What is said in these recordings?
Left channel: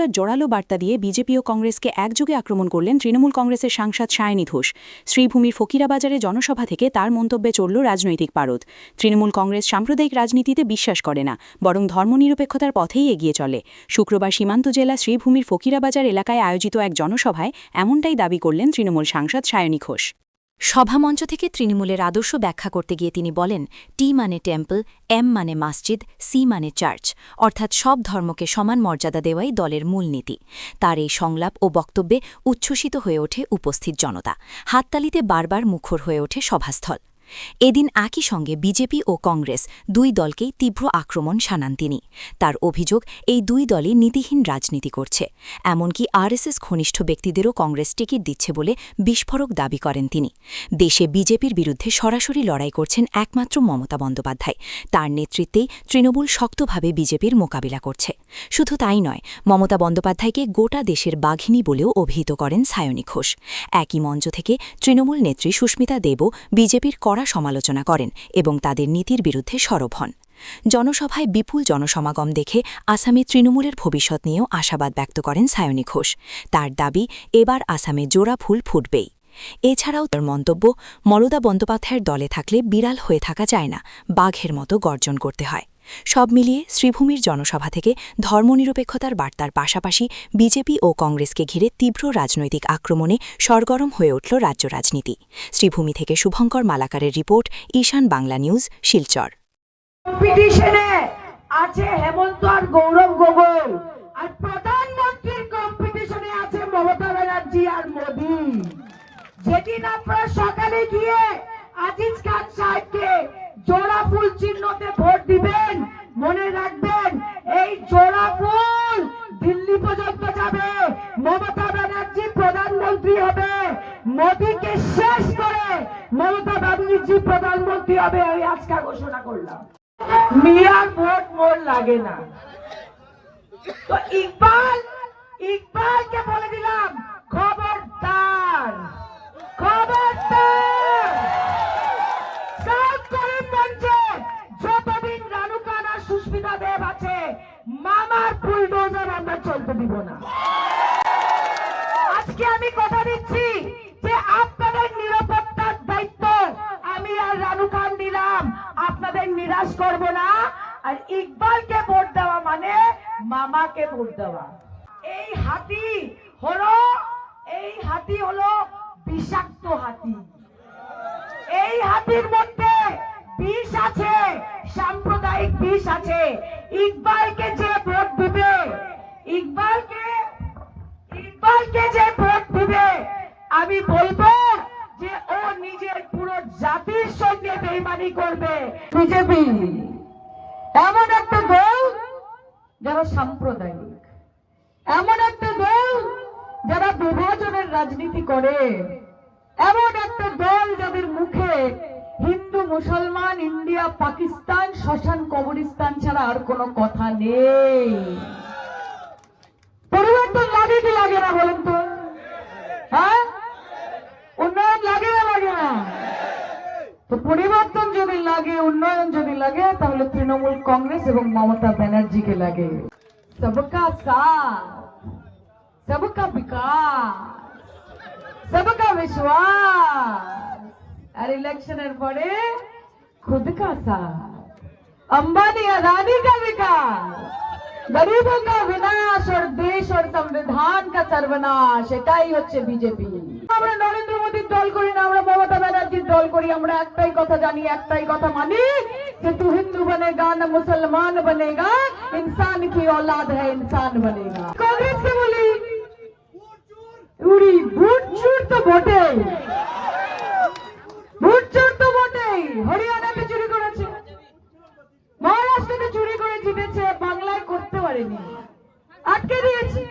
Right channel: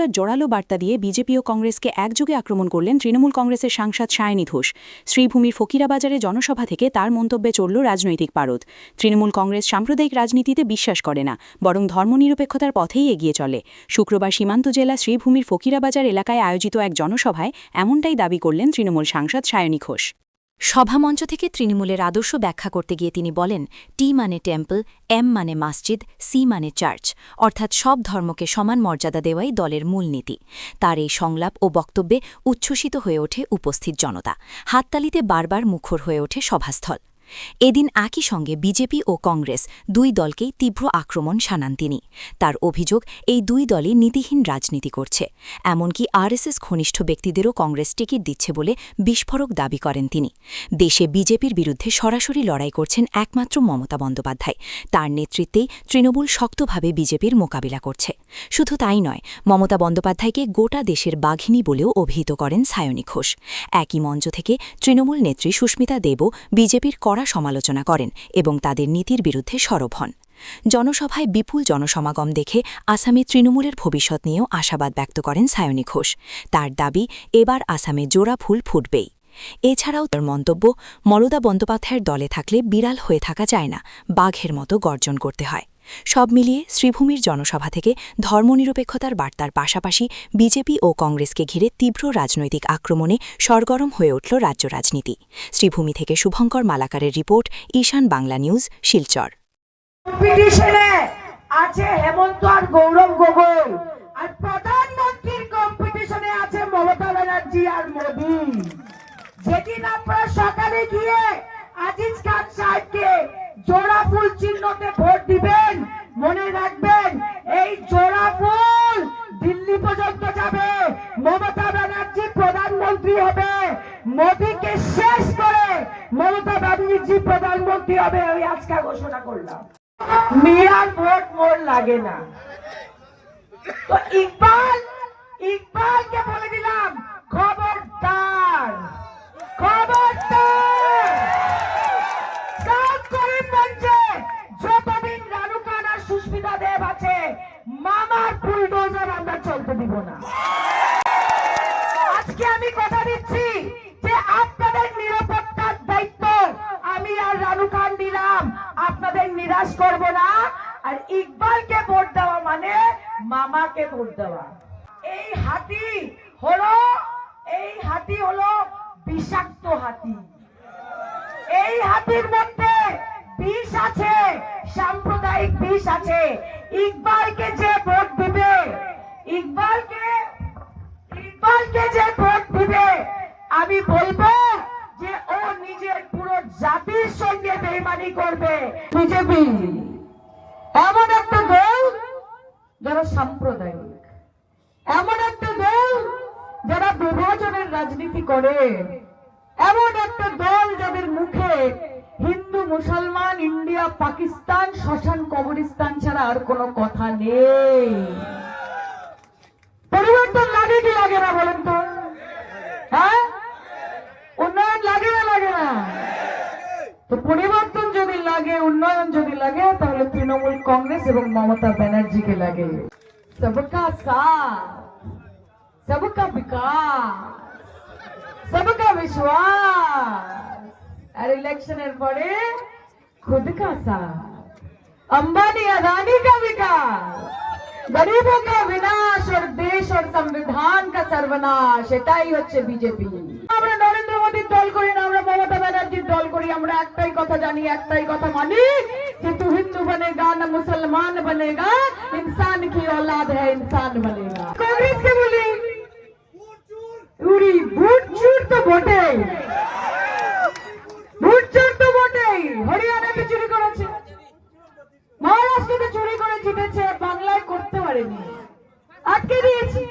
নিরপেক্ষতার জোরালো বার্তা দিয়ে বিজেপি ও কংগ্রেসকে একযোগে আক্রমণ করলেন তৃণমূল কংগ্রেসের সাংসদ সায়নী ঘোষ। শ্রীভূমির ফকিরাবাজারে জনসভা থেকে তার মন্তব্যে চলল রাজনৈতিক পারদ। তৃণমূল কংগ্রেস সাম্প্রদায়িক রাজনীতিতে বিশ্বাস করে না, বরং ধর্মনিরপেক্ষতার পথেই এগিয়ে চলে। শুক্রবার সীমান্ত জেলা শ্রীভূমির ফকিরাবাজার এলাকায় আয়োজিত এক জনসভায় এমনটাই দাবি করলেন তৃণমূল সাংসদ সায়নী ঘোষ। সভামঞ্চ থেকে তৃণমূলের আদর্শ ব্যাখ্যা করতে গিয়ে তিনি বলেন, টি মানে টেম্পল, এম মানে মসজিদ, সি মানে চার্চ, অর্থাৎ সব ধর্মকে সমান মর্যাদা দেওয়াই দলের মূলনীতি। তার এই সংলাপ ও বক্তব্যে উচ্ছ্বসিত হয়ে ওঠে উপস্থিত জনতা। হাততালিতে বারবার মুখর হয়ে ওঠে সভাস্থল। এদিন একই সঙ্গে বিজেপি ও কংগ্রেস দুই দলকেই তীব্র আক্রমণ শানান তিনি। তার অভিযোগ, এই দুই দলই নীতিহীন রাজনীতি করছে। এমনকি আরএসএস ঘনিষ্ঠ ব্যক্তিদেরও কংগ্রেস টিকিট দিচ্ছে বলে বিস্ফোরক দাবি করেন তিনি। দেশে বিজেপির বিরুদ্ধে সরাসরি লড়াই করছেন একমাত্র মমতা বন্দ্যোপাধ্যায়। তার নেতৃত্বেই তৃণমূল শক্তভাবে বিজেপির মোকাবিলা করছে। শুধু তাই নয়, মমতা বন্দ্যোপাধ্যায়কে গোটা দেশের বাঘিনী বলেও অভিহিত করেন সায়নী ঘোষ। একই মঞ্চ থেকে তৃণমূল নেত্রী সুস্মিতা দেবও বিজেপির কড়া সমালোচনা করেন এবং তাদের নীতির বিরুদ্ধে সরব হন। জনসভায় বিপুল জনসমাগম দেখে আসামে তৃণমূলের ভবিষ্যৎ নিয়েও আশাবাদ ব্যক্ত করেন সায়নী ঘোষ। তার দাবি, এবার আসামে জোড়া ফুল ফুটবেই। এছাড়াও তার মন্তব্য, মমতা বন্দ্যোপাধ্যায়ের দলে থাকলে বিড়াল হয়ে থাকা যায় না, বাঘের মতো গর্জন করতে হয়। সব মিলিয়ে শ্রীভূমির জনসভা থেকে ধর্মনিরপেক্ষতার বার্তার পাশাপাশি বিজেপি ও কংগ্রেসকে ঘিরে তীব্র রাজনৈতিক আক্রমণে সরগরম হয়ে উঠল রাজ্য রাজনীতি। শ্রীভূমি থেকে শুভঙ্কর মালাকারের রিপোর্ট, ঈশান বাংলা নিউজ, শিলচর। কম্পিটিশনে আছে হেমন্ত আর গৌরব গগৈ, আর প্রধানমন্ত্রীর কম্পিটিশনে আছে মমতা ব্যানার্জি আর মোদি। যেদিন আপনারা সকালে গিয়ে আজিজ খান সাহেবকে জোড়া ফুল চিহ্নতে ভোট দিবেন, মনে রাখবেন এই জোড়া ফুল দিল্লি পর্যন্ত যাবে। মমতা ব্যানার্জি প্রধানমন্ত্রী হবে, মোদীকে শেষ করে মমতা ব্যানার্জি প্রধানমন্ত্রী হবে। আমি আজকে ঘোষণা করলাম, মিয়ার ভোট মোর লাগে না। তো ইকবালকে বলে দিলাম, খবরদার খবরদার, সব করিমগঞ্জে যতদিন রানুকান আর সুস্মিতা দেব আছে, মামার বুলডোজার আমরা চলতে দিব না। আজকে আমি কথা দিচ্ছি যে আপনাদের নিরাপত্তার দায়িত্ব আমি আর রানুকান দিলাম, আপনাদের নিরাশ করব না। আর ইকবালকে ভোট দেওয়া মানে মামাকে ভোট দেওয়া। এই হাতি হলো বিষাক্ত হাতি। এই হাতির মধ্যে বিষ আছে, সাম্প্রদায়িক বিষ আছে। ইকবালকে যে ভোট দিবে, ইকবালকে যে ভোট দিবে, আমি বলবো যে ও নিজের পুরো জাতির সঙ্গে বেইমানি করবে। বিজেপি এমন একটা দল যারা সাম্প্রদায়িক, এমন একটা দল যারা বিভাজনের রাজনীতি করে, এমন একটা দল যাদের মুখে হিন্দু মুসলমান, ইন্ডিয়া পাকিস্তান, শ্মশান কবরস্থান ছাড়া আর কোনো কথা নেই। পরিবর্তন লাগে কি লাগে না বলেন তো? হ্যাঁ, উন্নয়ন লাগে না লাগে না? তো পরিবর্তন যদি লাগে, উন্নয়ন যদি লাগে, তাহলে তৃণমূল কংগ্রেস এবং মমতা ব্যানার্জিকে লাগে। সবকা সাথ, সবকা বিকাশ, সবকা বিশ্বাস। আর ইলেকশনের পরে खुद का साथ, अंबानी अदानी का विकास, गरीबों का विनाश और देश और संविधान का सर्वनाश, এটাই হচ্ছে বিজেপি। আমরা নরেন্দ্র মোদীর দল করি না, আমরা মমতা ব্যানার্জির দল করি। আমরা একটাই কথা জানি, একটাই কথা মানি कि तू हिंदू बनेगा ना मुसलमान बनेगा, इंसान की औलाद है, इंसान बनेगा। कांग्रेस के बोली उड़ी भूट चूर तो ভোটে, ভোট চোর তো বটেই। হরিয়ানাতে চুরি করেছে, মহারাষ্ট্রতে চুরি করে জিতেছে, বাংলায় করতে পারেনি, আটকে দিয়েছি।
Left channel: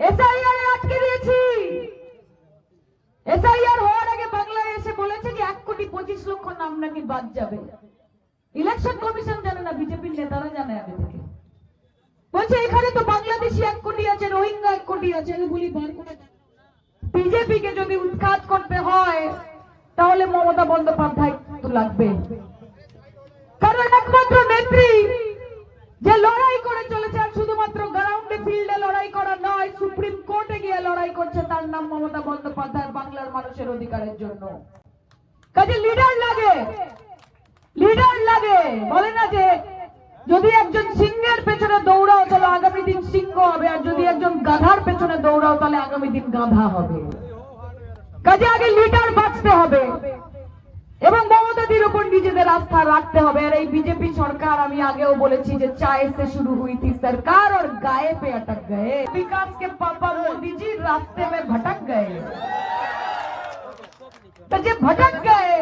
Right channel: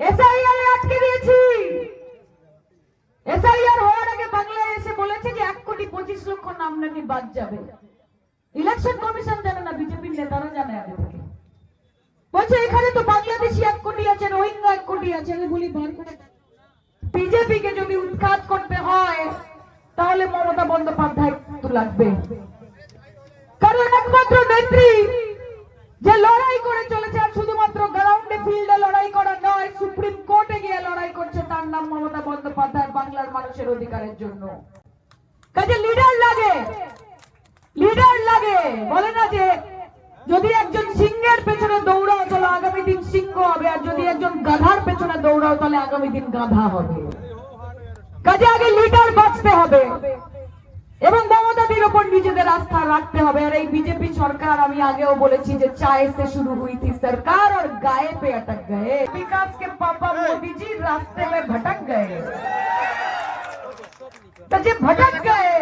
এসআইআর আটকে দিয়েছি। এসআইআর হওয়ার আগে বাংলায় এসে বলেছে যে 1,25,00,000 নাম নাকি বাদ যাবে। ইলেকশন কমিশন জানে না, বিজেপির নেতারা জানে আগে থেকে। বলছে এখানে তো বাংলাদেশি 1 কোটি আছে, রোহিঙ্গা 1 কোটি আছে। আমি বলি বার করে, বিজেপিকে যদি উৎখাত করতে হয় তাহলে মমতা বন্দ্যোপাধ্যায় তো লাগবে। কারণ একমাত্র নেত্রী যে লড়াই করে চলেছে, আর শুধুমাত্র গ্রাউন্ডে ফিল্ডে তার নাম মমতা বন্দ্যোপাধ্যায়, বাংলার মানুষের অধিকারের জন্য। কাজে লিডার লাগে, লিডার লাগে। বলে না যে যদি একজন সিংহের পেছনে দৌড়াও তাহলে আগামী দিন সিংহ হবে, আর যদি একজন গাধার পেছনে দৌড়াও তাহলে আগামী দিন গাধা হবে। কাজে আগে লিডার বাঁচতে হবে এবং মমতাদির উপর নিজেদের আস্থা রাখতে হবে। আর এই বিজেপি সরকার, আমি আগেও বলেছি যে চায় সে শুরু হুই থी सरकार और गाय पे अटक गए, विकास के पापा मोदी जी रास्ते में भटक गए। तो যে ভটক গয়ে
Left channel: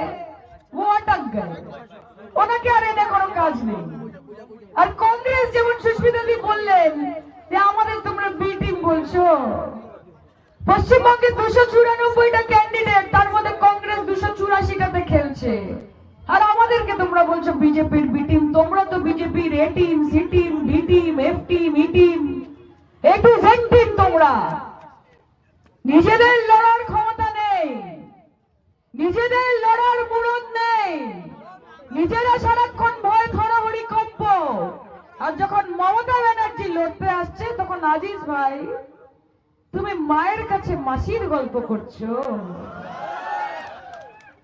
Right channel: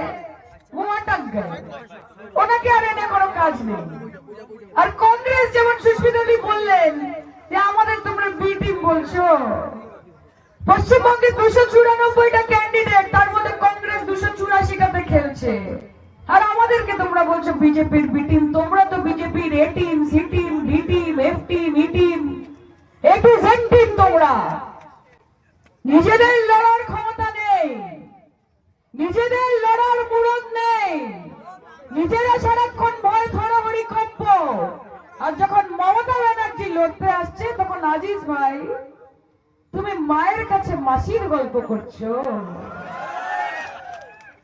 ও অটক গয়ে, ওনাকে আর এনে কোনো কাজ নেই। আর কংগ্রেস যেমন সুস্মিতাদি বললেন যে আমাদের তোমরা বি টিম বলছো, পশ্চিমবঙ্গে 294টা ক্যান্ডিডেট, তার মধ্যে কংগ্রেস 284টাতে খেলছে, আর আমাদেরকে তোমরা বলছো বিজেপির বি টিম। তোমরা তো বিজেপির A team, C team, B team, F team, E team, A to Z team. তোমরা নিজেদের লড়ার ক্ষমতা নেই, নিজেদের লড়ার মুরদ নেই, নিজেরা সারাক্ষণ ভয় থরহরি কম্প। আর যখন মমতা ব্যানার্জি লড়তে আসছে তখন আজিজ ভাই তুমি মায়ের কাছে মাসির গল্প করছো।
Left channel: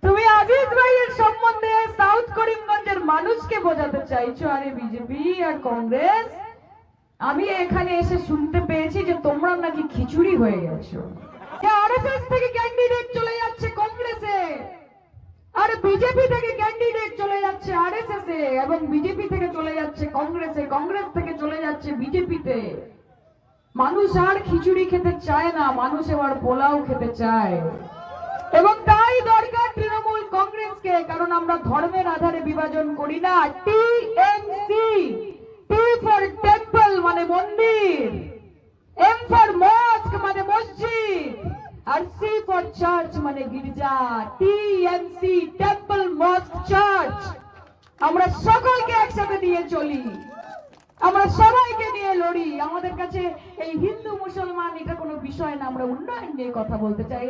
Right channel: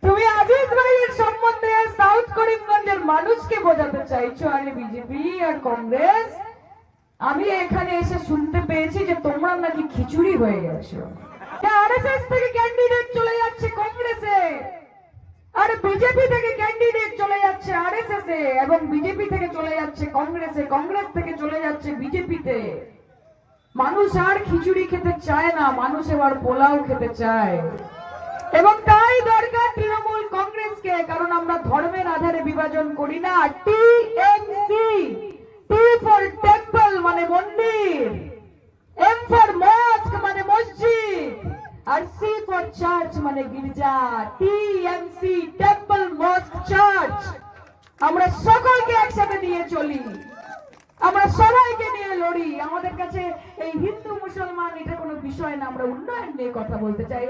তুমি আজিজ ভাইয়ের সম্বন্ধে সাউথ করিমগঞ্জের মানুষকে বোঝাতে চাইছো। আরে বিজেপি আর কংগ্রেস, আমি এখানে এসে শুনতে পেয়েছি যে তোমরা নাকি খিচুড়ি হয়ে গেছো। আরএসএস থেকে ক্যান্ডিডেট চলে যাচ্ছে কংগ্রেসে, আর বিজেপি থেকে ক্যান্ডিডেট চলে যাচ্ছে আরএসএস এ, এবং বিজেপি থেকে চলে যাচ্ছে কংগ্রেসে, কংগ্রেস থেকে চলে যাচ্ছে বিজেপিতে। মানুষ আর খিচুড়ি খেতে চায় না, মানুষ এবার পোলাও খেতে চায়। এবং তাই দরকার তৃণমূল কংগ্রেসকে, কারণ আমরা ধর্মের আধারে বিভাজন করি না। টিএমসি, টি ফর টেম্পল মানে মন্দির, এম ফর মস্ক মানে মসজিদ, আর সি ফর চার্চ মানে গির্জা। টিএমসি, টেম্পল, মস্ক, চার্চ, আমরা সকলকে একসাথে নিয়ে চলি, আমরা সবাইকে নিয়ে লড়ি। আমাদের কাছে এই হিন্দু মুসলমান এটা কোনো বিষয় না, আমরা উন্নয়ন নিয়ে কথা বলতে চাই।